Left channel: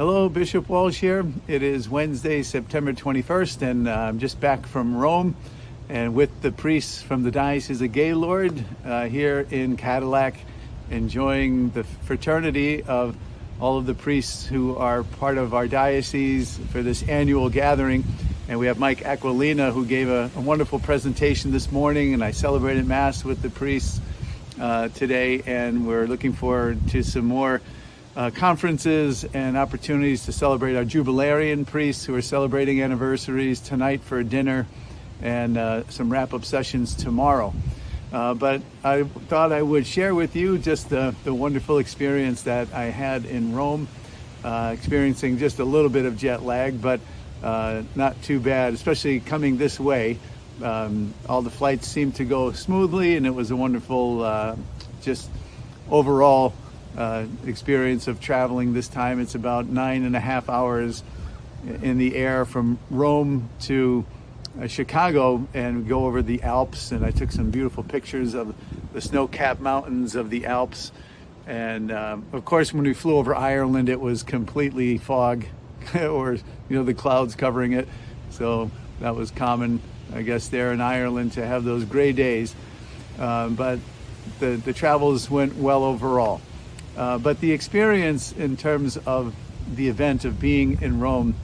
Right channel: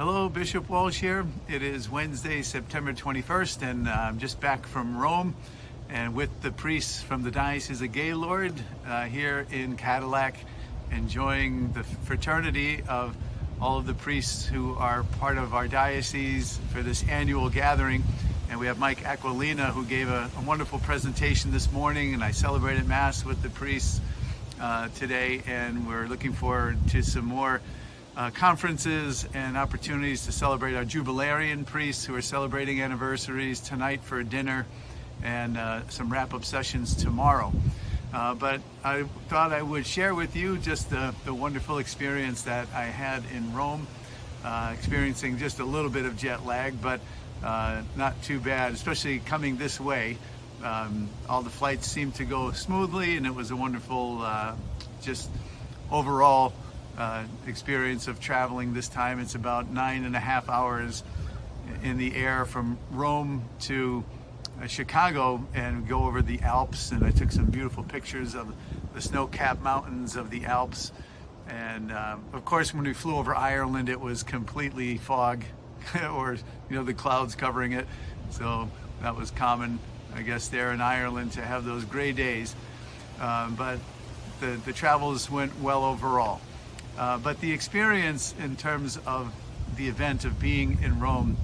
Hello, Bishop Walsh here. It is Wednesday, September 21st, and I'm just back from Rome and with the priests from the Diocese of Gaylord here in Cadillac, enjoying the fraternity of all of the priests who are part of our diocese for this annual gathering. And we have Mike Aquilina, who gave a wonderful presentation this morning, and I celebrated Mass with the priests today, and we're looking forward to some more conferences and opportunities to celebrate our jubilarian priests who are celebrating anniversaries tonight for dinner, and some wrap-up sessions tomorrow. But I thought I would share with you just the wonderful experience that I had in Rome, experiencing just a little bit of jet lag, but not too bad, especially coming this way. All the flights seemed to go smoothly, and it was a wonderful, just overall experience of traveling this time. It's about 9.5 hours in the air from Rome to Chicago, and go over the Alps, and I took some beautiful pictures of the snow-capped mountains of the Alps. And of course, when we flew over Ireland, it was completely fog or the clouds covering it, so that was common, I guess, there in Ireland to have those gray days. But the travels went well overall. But the experience in terms of the event of being in Rome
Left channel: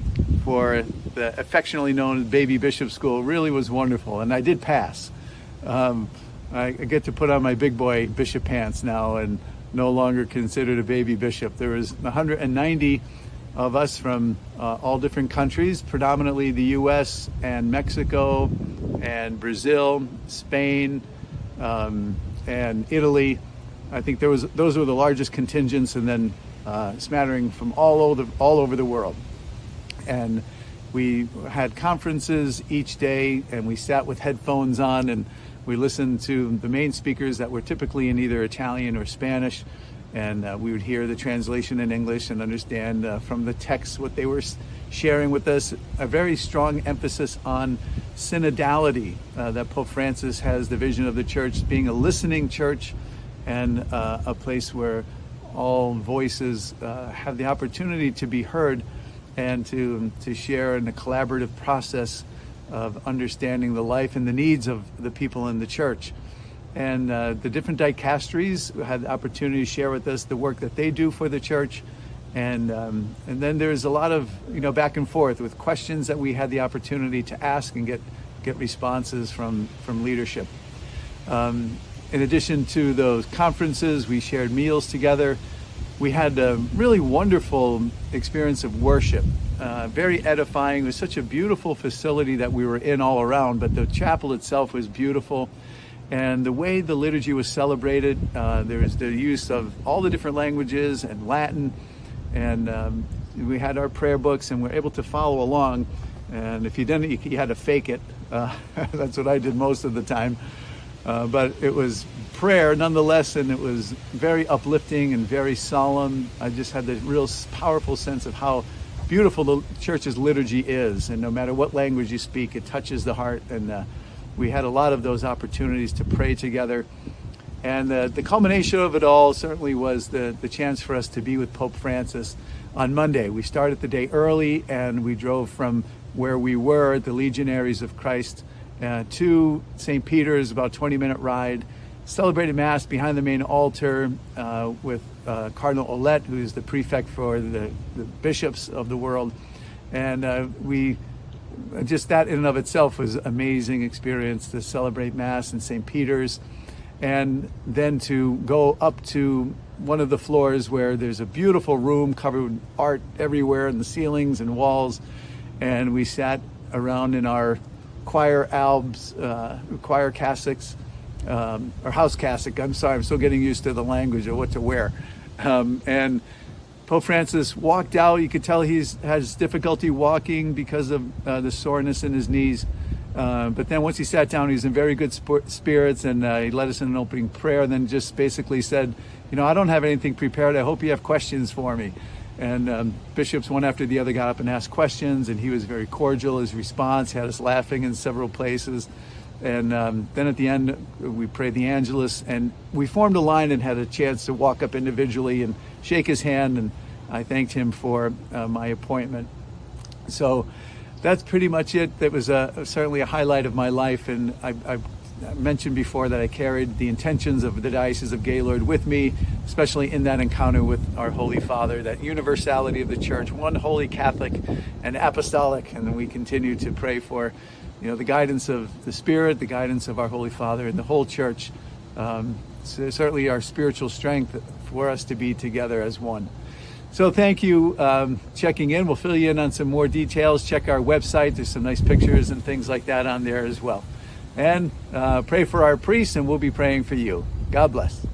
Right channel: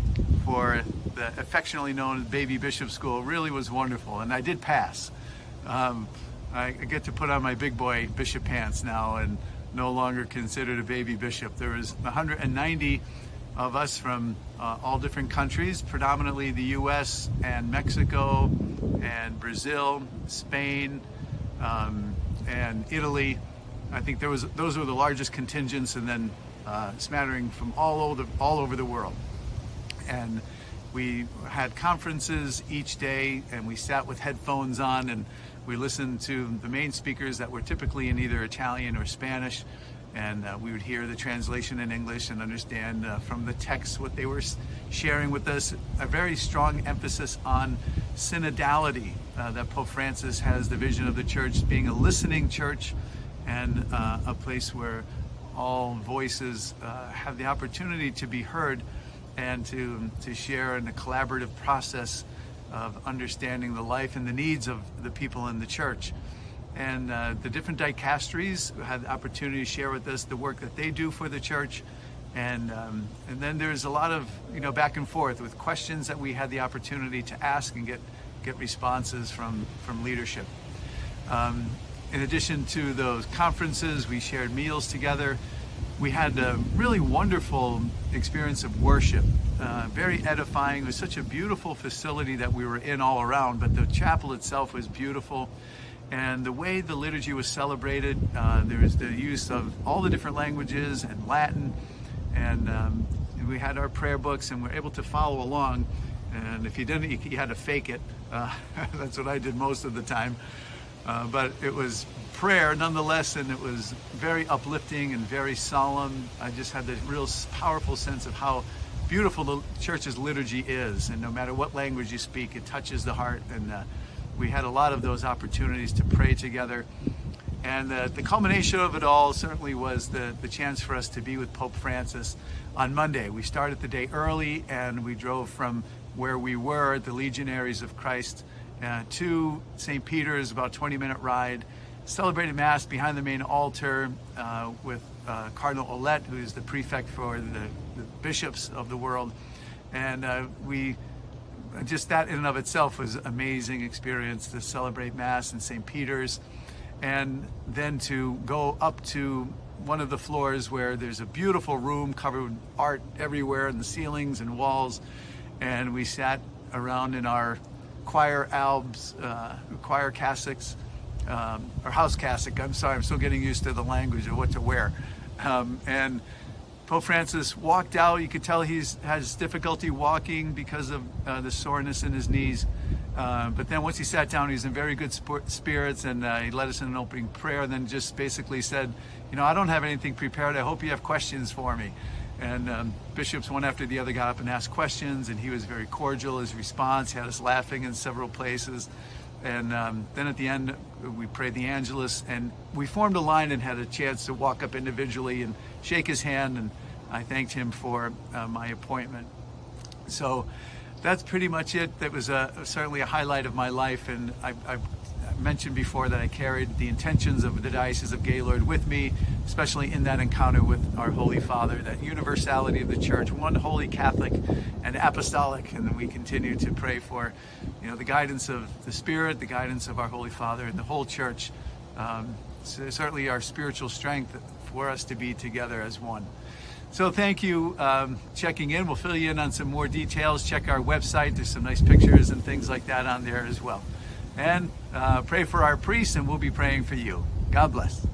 for the affectionately known as Baby Bishop School really was wonderful, and I did pass. I get to put on my big boy bishop pants now and no longer considered a baby bishop. There was 190 of us from all different countries, predominantly the US and Mexico and Brazil, Spain, and Italy. I think those were the largest contingents, and then smattering from all over the world. And we had conferences each day, and we sat with headphones on, and we listened to the main speakers that were typically in either Italian or Spanish, and we would hear the translation in English and understand from the text what they were sharing with us. A very strong emphasis on synodality, that Pope Francis has the vision of the church being a listening church, and a place where all voices have the opportunity to be heard and to share in a collaborative process of understanding the life and the needs of the people in the church. And the different dicasteries had the opportunity to share with us the work that they do for the church. And then there's a lot of back and forth with questions that we had the opportunity to ask and get responses from leadership. In addition to those conferences, we shared meals together. We had a really wonderful experience of worship, very edifying. It was such a beautiful facility that we were in all around, but the chapel itself was beautiful. And the way the liturgy was celebrated, there was the use of all the different languages and Latin, and we had our prayer books, and we were able to follow along. And if you didn't, you had to fake it. That's what I did most of the time. But it was prayer nonetheless, and it was very uplifting and very solemn. I just had the real powerful sense of how beautiful the church's liturgy is, and no matter what language you speak, it touches the heart. And we had a lot of those opportunities to pray together. And the culmination of it all certainly was the chance for us to be with Pope Francis on Monday. We started the day early, and we drove from where we were, the Legionaries of Christ, to St. Peter's, about a 20-minute ride. Celebrated Mass behind the main altar with Cardinal Olet, who is the prefect for the bishops of the world. And we just, that in and of itself was an amazing experience to celebrate Mass in St. Peter's, and then to go up to one of the floors where there's a beautiful room covered with art everywhere in the ceilings and walls. And we sat around in our choir albs, choir cassocks, or house cassock. I'm sorry, I'm still getting used to the language of what to wear. And Pope Francis walked out. You could tell he has difficulty walking because of the soreness in his knees. But then once he sat down, he was in very good spirits, and he led us in an opening prayer, and then just basically said, I don't have anything prepared. I hope you have questions for me. And bishops, one after the other, got up and asked questions, and he was very cordial. His response had us laughing in several places. And then at the end, we prayed the Angelus, and we formed a line and had a chance to walk up individually and shake his hand and I thanked him for my appointment. So that's pretty much it. That was certainly a highlight of my life, and I mentioned before that I carried the intentions of the Diocese of Gaylord with me, especially in that encounter with our Holy Father, that universality of the Church, one holy Catholic and apostolic, and then we continue to pray for, the guidance of the Spirit, the guidance of our Holy Father, and the whole Church. So certainly our spiritual strength for us to be together as one. So thank you checking in. We'll fill you in on some more details. Check our website. There's some nice pictures and things like that on there as well. And pray for our priests, and we'll be praying for you. God bless.